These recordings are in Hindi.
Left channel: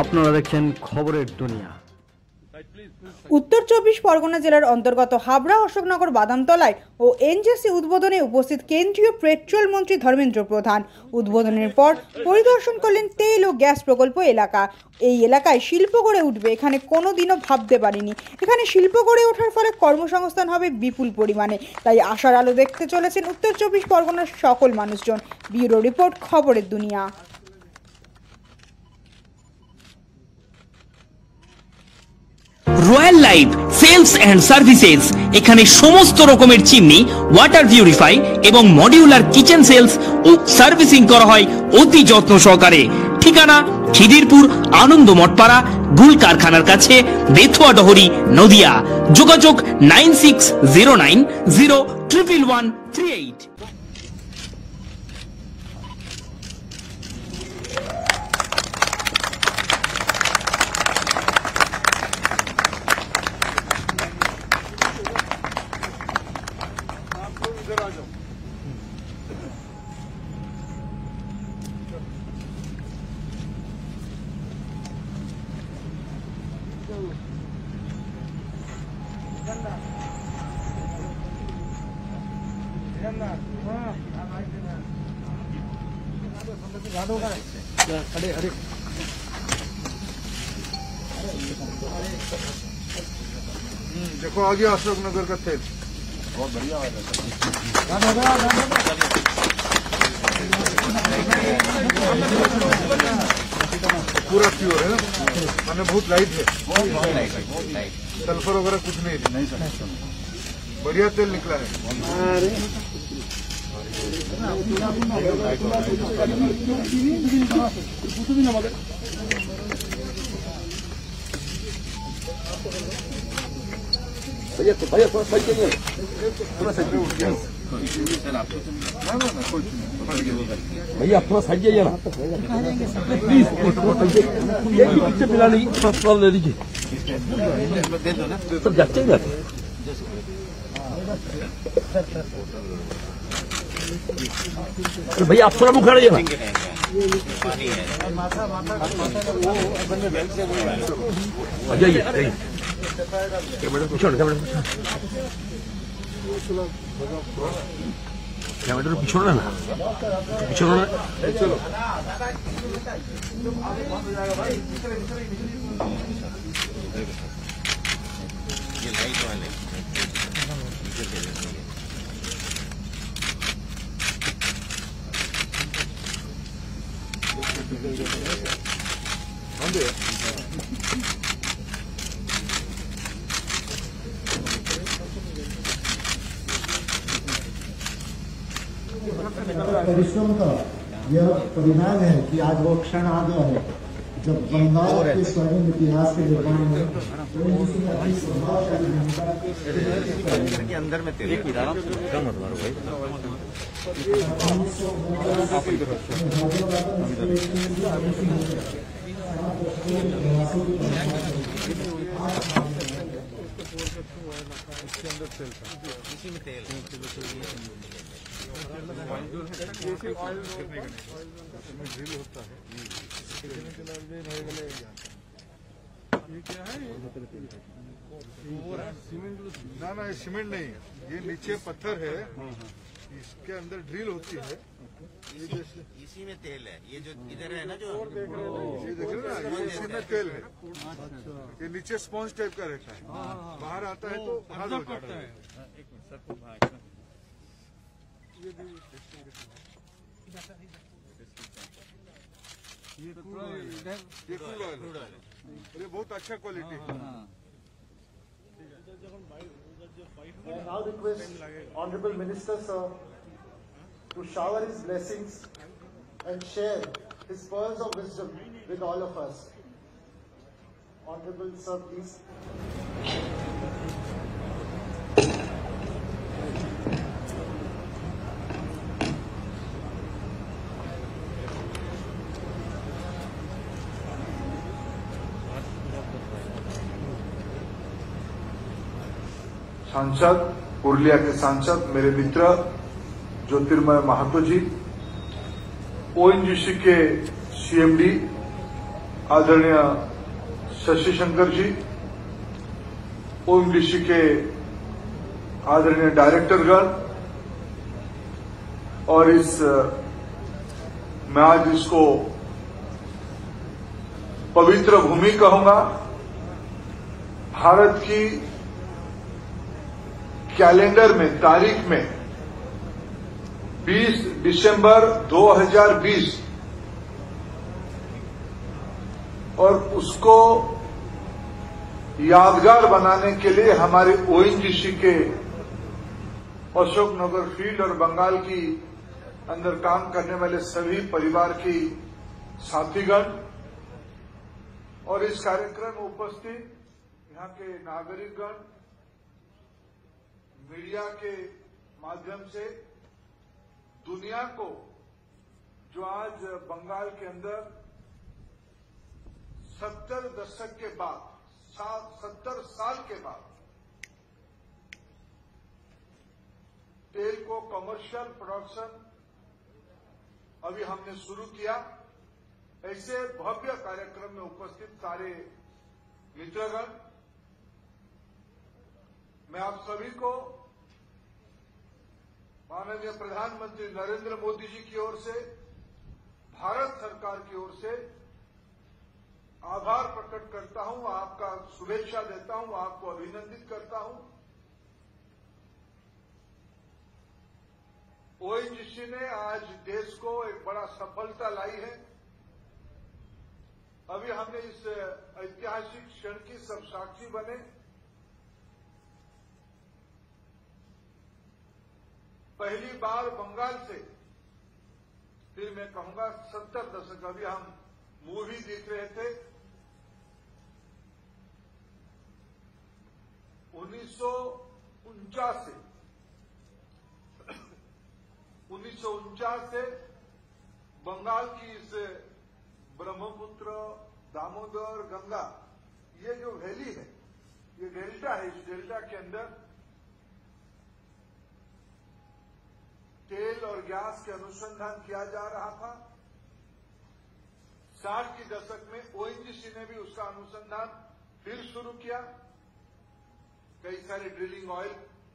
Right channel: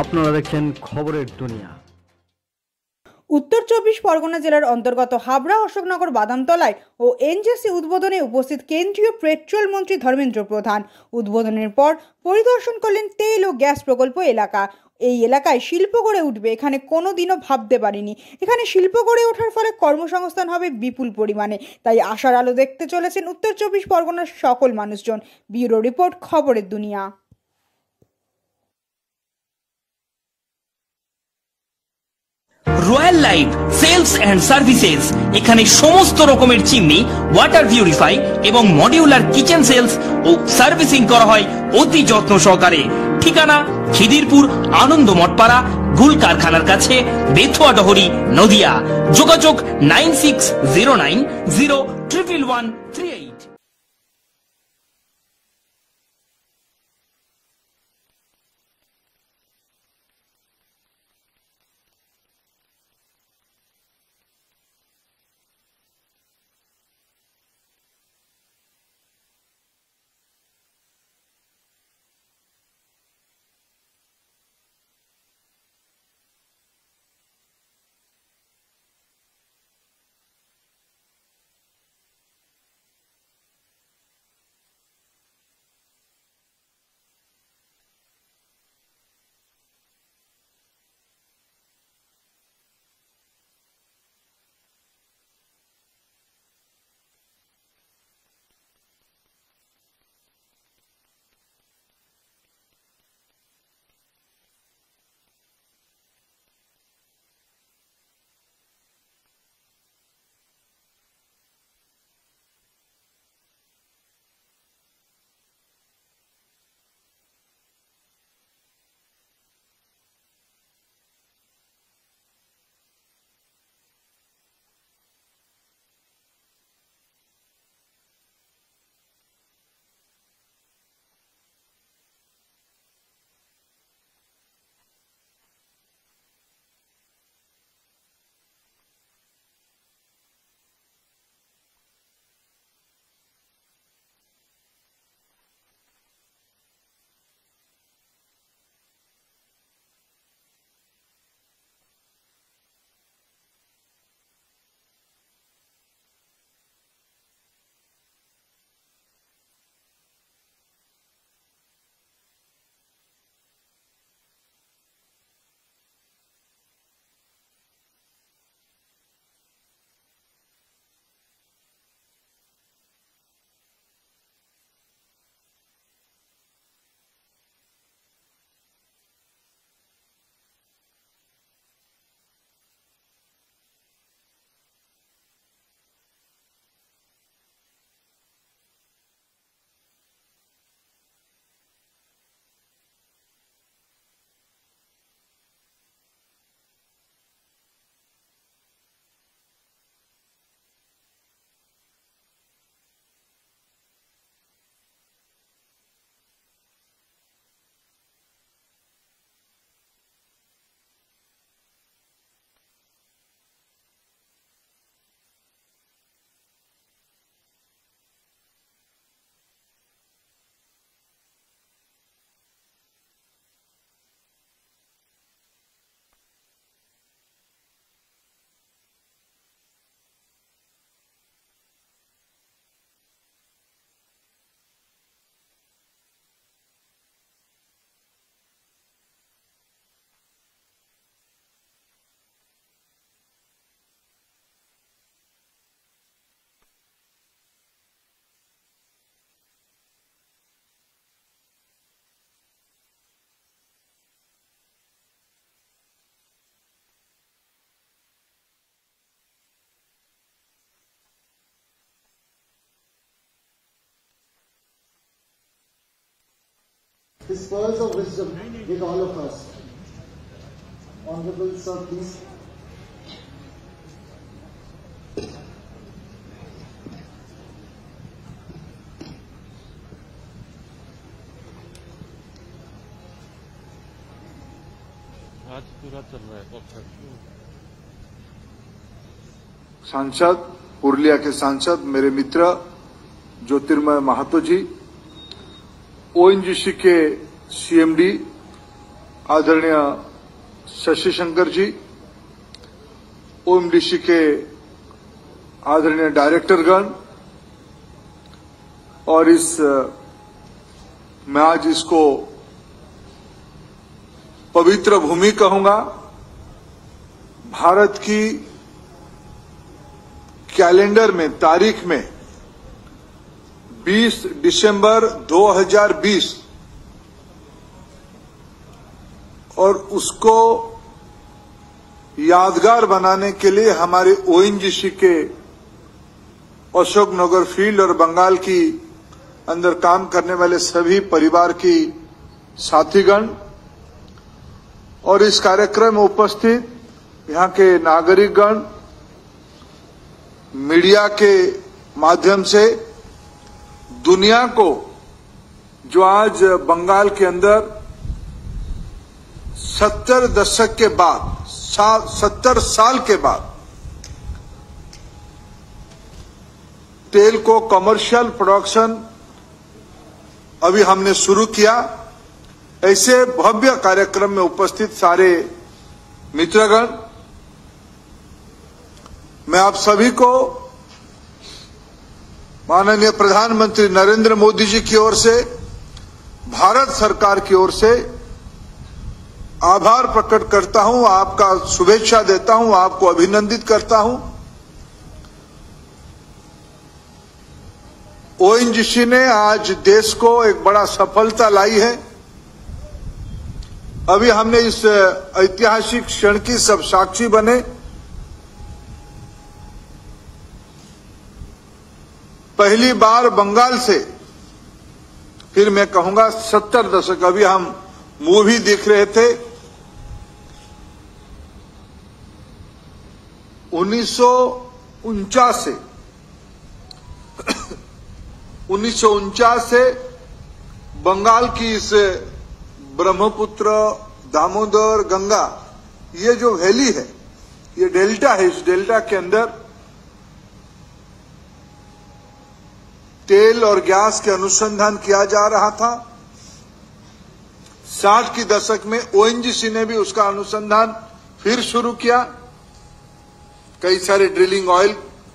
আপনারা দেখছেন খবরের দুনিয়া। উত্তর 24 পরগনা জেলার অন্তর্গত হাবড়া অশোকনগর বাদামতলায় ও এনজেসি উদ্বোধনে উপস্থিত কেন্দ্রীয় পেট্রোল মন্ত্রী ধর্মেন্দ্র প্রধান। উদ্বোধনের পর পরিদর্শন করলেন তেল ও গ্যাস প্রকল্প এলাকা। এই এলাকায় শিল্প গড়ে উঠবে এখানে কোনোদিনও ভাবতে পারিনি। এখানে শিল্প গড়ে ওঠার ফলে কর্মসংস্থান হবে বিপুল পরিমাণে, তাই আশার আলো দেখতে চলেছেন উত্তর 24 পরগনার সকল মানুষজন। ব্যুরো রিপোর্ট, খবরের দুনিয়া। Royal Life Sales and Services এখানে সমস্ত রকমের চিমনি, ওয়াটার পিউরিফাই এবং মডিউলার কিচেন সেলস ও সার্ভিসিং করা হয় অতি যত্ন সহকারে। ঠিকানা খিদিরপুর আনন্দ মঠপাড়া গুল কারখানার কাছে, বেথুয়া ডহরি, নদিয়া। যোগাযোগ 9609011138। देखो आ गया अशोकनगर का तेल, बहुत बढ़िया है। पूरा प्योर है ना, मैंने बहुत लाइट है, सल्फर वगैरह कुछ नहीं, बढ़िया तेल निकला है। भैया थोड़ा सही चाहिए, थोड़ा सही उठ गया भैया, आप थोड़ा सही जाइए ना प्लीज, एक भी पीछे मिला नहीं, थोड़ा ले लीजिए, सब जाते ही जाते। भैया आप थोड़ा मुख रहिए ना, जाइए जाइए, कैमरा पीछे ना, पीछे ना चलो। ये लाइट वाले परिश्रम का यह परिणाम है कि आज वो क्षण आ गया है जब बंगाल के स्वर्णिम इतिहास के निर्माण में अंदर में इसी में तेल ड्रिल होता है, ये क्या है? ना ना, ये सीमेंट नहीं, ये नीचे पत्थर है, इसके अंदर ड्रिल होती है, इसी में तेल है। ये जो इधर है ना, जो ये देख रहे हो ना, ये इसी में तेल है। ये नीचे स्पॉन्ज टाइप का रहता है, बाहर आता है तो हाथ हो जाता है। ये क्रूड ऑयल है, ये बहुत अच्छा क्वालिटी है। I now request Honorable Minister Sir to shower his blessings and share his pearls of wisdom with all of us. Honorable Sir, please. सांसद, पुरुलिया के सांसद, मेरे मित्र ज्योतिर्मय महातो जी, ओएनजीसी के सीएमडी आदरणीय शशि शंकर जी, ओएनजीसी के आदरणीय डायरेक्टरगण, और मैं आज इसको पवित्र भूमि कहूंगा। भारत की कैलेंडर में तारीख में 20 दिसंबर 2020 और उसको यादगार बनाने के लिए हमारे ओएनजीसी के अशोकनगर फील्ड और बंगाल की अंदर काम करने वाले सभी परिवार की साथीगण और इस कार्यक्रम में उपस्थित यहां के नागरिकगण, मीडिया के माध्यम से दुनिया को जो आज बंगाल के अंदर 70 दशक के बाद 70 साल के बाद तेल को कमर्शियल प्रोडक्शन अभी हमने शुरू किया, ऐसे भव्य कार्यक्रम में उपस्थित सारे मित्रगण, मैं आप सभी को माननीय प्रधानमंत्री नरेंद्र मोदी जी की ओर से, भारत सरकार की ओर से आभार प्रकट करता हूं, आपका शुभेच्छा देता हूं, आपको अभिनंदित करता हूं। ओएनजीसी ने आज देश को एक बड़ा सफलता लाई है। अभी हमने इस ऐतिहासिक क्षण की सब साक्षी बने। पहली बार बंगाल से, फिर मैं कहूंगा 70 दशक, अभी हम मूवी देख रहे थे 1949 से बंगाल की इस ब्रह्मपुत्र, दामोदर, गंगा, ये जो वैली है, ये डेल्टा है, इस डेल्टा के अंदर तेल और गैस के अनुसंधान किया जा रहा था। 60 की दशक में ओएनजीसी ने भी उसका अनुसंधान फिर शुरू किया। कई सारे ड्रिलिंग ऑयल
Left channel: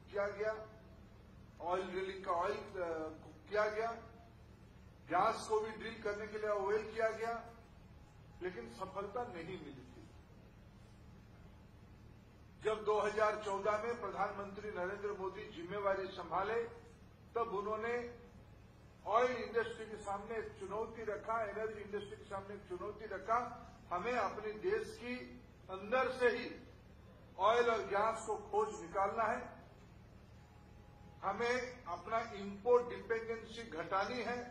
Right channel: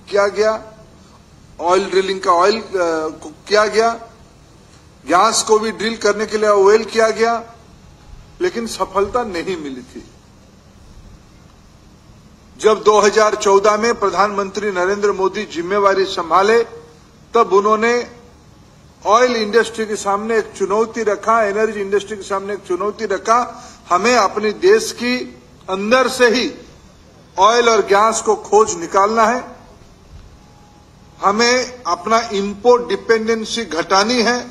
किया गया, ऑयल ड्रिलिंग का ऑयल किया गया, गैस को भी ड्रिल करने के लिए ऑयल किया गया, लेकिन सफलता नहीं मिली थी। जब 2014 में प्रधानमंत्री नरेंद्र मोदी जिम्मेवारी संभाले, तब उन्होंने ऑयल इंडस्ट्री के सामने एक चुनौती रखा, एनर्जी इंडस्ट्री के सामने एक चुनौती रखा, हमें अपने देश की अंदर से ही ऑयल और गैस को खोज निकालना है, हमें अपना इंपोर्ट डिपेंडेंसी घटानी है।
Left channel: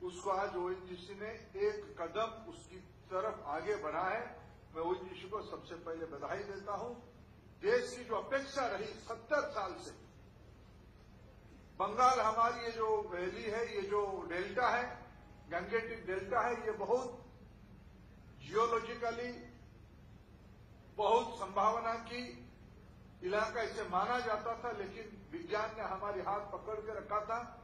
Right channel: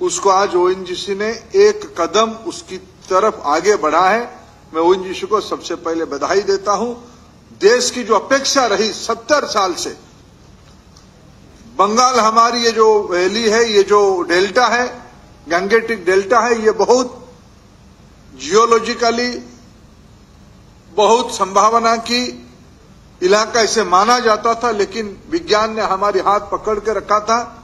उसको आज ओएनजीसी ने एक कदम उसकी तरफ आगे बढ़ा है। मैं ओएनजीसी को सबसे पहले बधाई देता हूं। देश की जो अपेक्षा रही 70 साल से, बंगाल हमारी ये जो वैली है, ये जो डेल्टा है, गंगेटिक डेल्टा है, ये बहुत जियोलॉजिकली बहुत संभावना की इलाका इसे माना जाता था, लेकिन विज्ञान ने हमारी हाथ पकड़ के रखा था,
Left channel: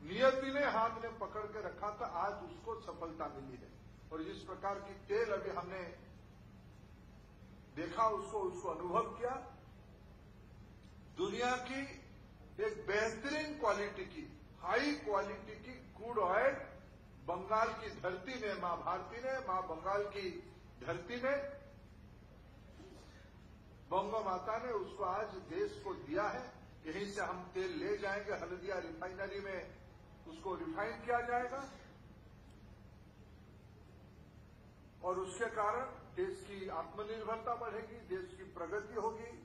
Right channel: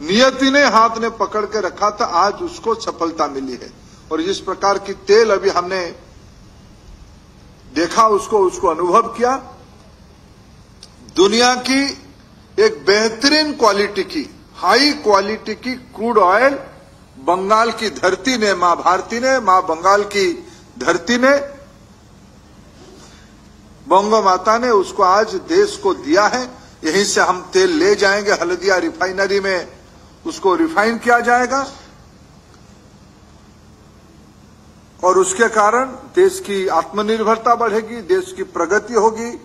नियति ने हाथ ने पकड़ के रखा था, आज उसको सफलता मिली है। और जिस प्रकार की तेल अभी हमने देखा, उसको अनुभव किया, दुनिया की एक बेहतरीन क्वालिटी की, हाई क्वालिटी की क्रूड ऑयल बंगाल की धरती ने, मां भारती ने, मां बंगाल की धरती ने, बंगो माता ने उसको आज देश को दिया है। यहीं से हम तेल ले जाएंगे, हल्दिया रिफाइनरी में उसको रिफाइन किया जाएगा और उसके कारण देश की आत्मनिर्भरता बढ़ेगी, देश की प्रगति होगी,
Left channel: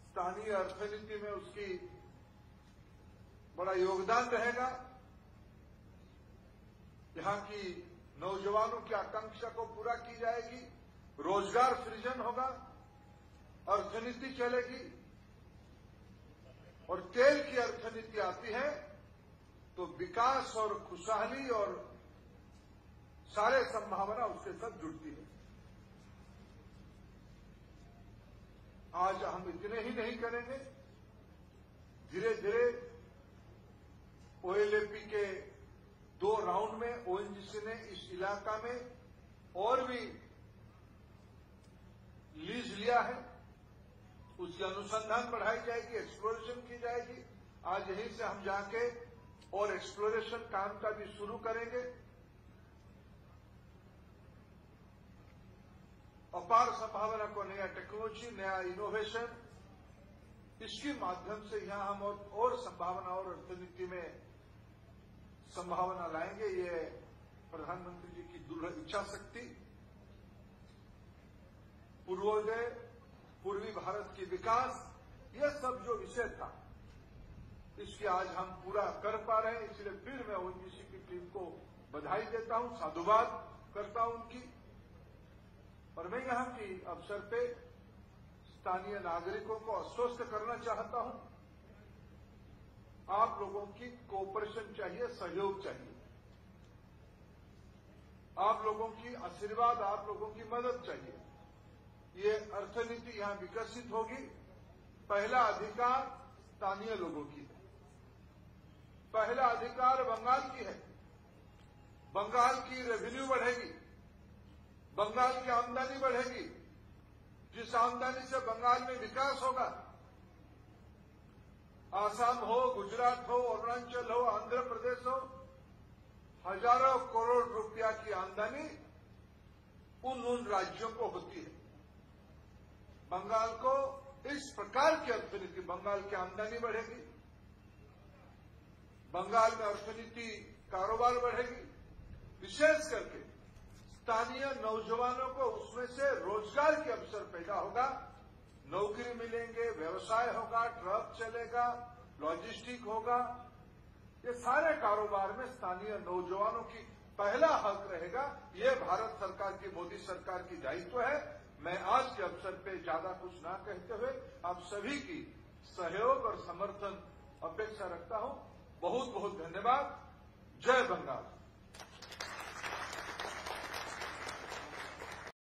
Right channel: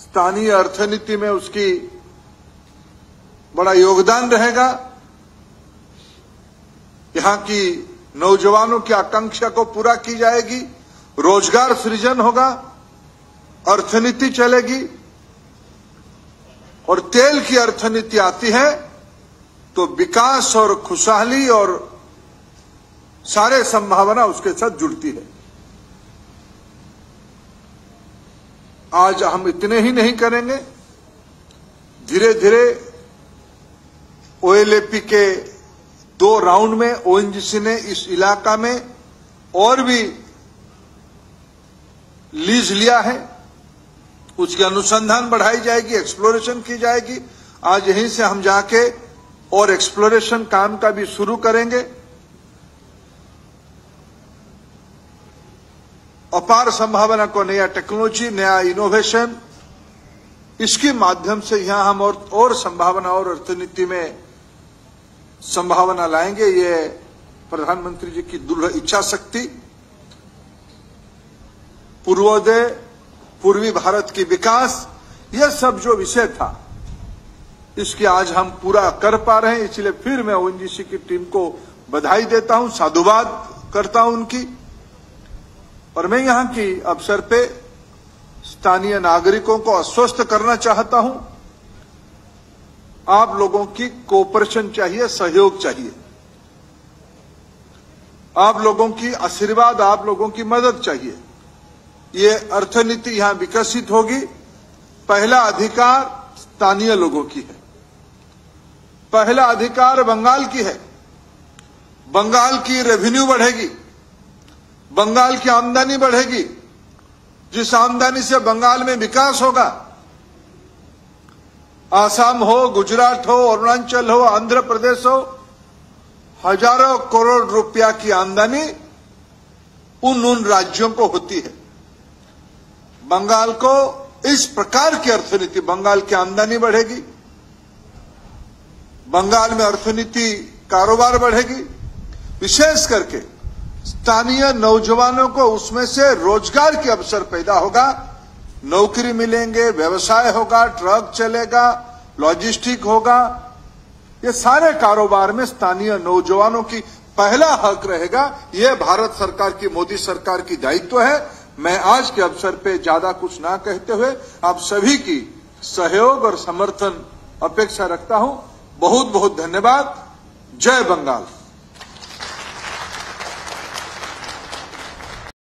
स्थानीय अर्थनीति में उसकी बड़ा योगदान रहेगा। यहां की नौजवानों की आकांक्षा को पूरा की जाएगी, रोजगार सृजन होगा, अर्थनीति चलेगी। और तेल की अर्थनीति आती है तो विकास और खुशहाली और सारे संभावना उसके साथ जुड़ती है। आज हम इतने ही नहीं करेंगे, धीरे धीरे ओएलएपी के 2 राउंड में ओएनजीसी ने इस इलाका में और भी लीज लिया है। उसकी अनुसंधान बढ़ाई जाएगी, एक्सप्लोरेशन की जाएगी। आज यहीं से हम जाके और एक्सप्लोरेशन काम का भी शुरू करेंगे। अपार संभावना को, नया टेक्नोलॉजी, नया इनोवेशन, इसके माध्यम से यहां हम और संभावना और अर्थनीति में संभावना लाएंगे। ये प्रधानमंत्री जी की दृढ़ इच्छा शक्ति, पूर्वोदय, पूर्वी भारत की विकास, यह सब जो विषय था, इसके आज हम पूरा कर पा रहे हैं। इसलिए फिर मैं ओएनजीसी की टीम को बधाई देता हूं, साधुवाद करता हूं उनकी। और मैं यहां की अवसर पे स्थानीय नागरिकों को आश्वस्त करना चाहता हूं, आप लोगों की कोऑपरेशन चाहिए, सहयोग चाहिए, आप लोगों की आशीर्वाद, आप लोगों की मदद चाहिए। ये अर्थनीति यहां विकसित होगी। पहला अधिकार स्थानीय लोगों की है, पहला अधिकार बंगाल की है। बंगाल की रेवेन्यू बढ़ेगी, बंगाल की आमदनी बढ़ेगी, जिस आमदनी से बंगाल में विकास होगा। आसाम हो, गुजरात हो, अरुणाचल हो, आंध्र प्रदेश हो, हजारों करोड़ रुपया की आमदनी उन राज्यों को होती है। बंगाल को इस प्रकार की अर्थनीति, बंगाल की आमदनी बढ़ेगी, बंगाल में अर्थनीति कारोबार बढ़ेगी, विशेष करके स्थानीय नौजवानों को उसमें से रोजगार के अवसर पैदा होगा, नौकरी मिलेंगे, व्यवसाय होगा, ट्रक चलेगा, लॉजिस्टिक होगा। ये सारे कारोबार में स्थानीय नौजवानों की पहला हक रहेगा। ये भारत सरकार की, मोदी सरकार की दायित्व है। मैं आज के अवसर पे ज्यादा कुछ ना कहते हुए आप सभी की सहयोग और समर्थन अपेक्षा रखता हूं। बहुत बहुत धन्यवाद। जय बंगाल।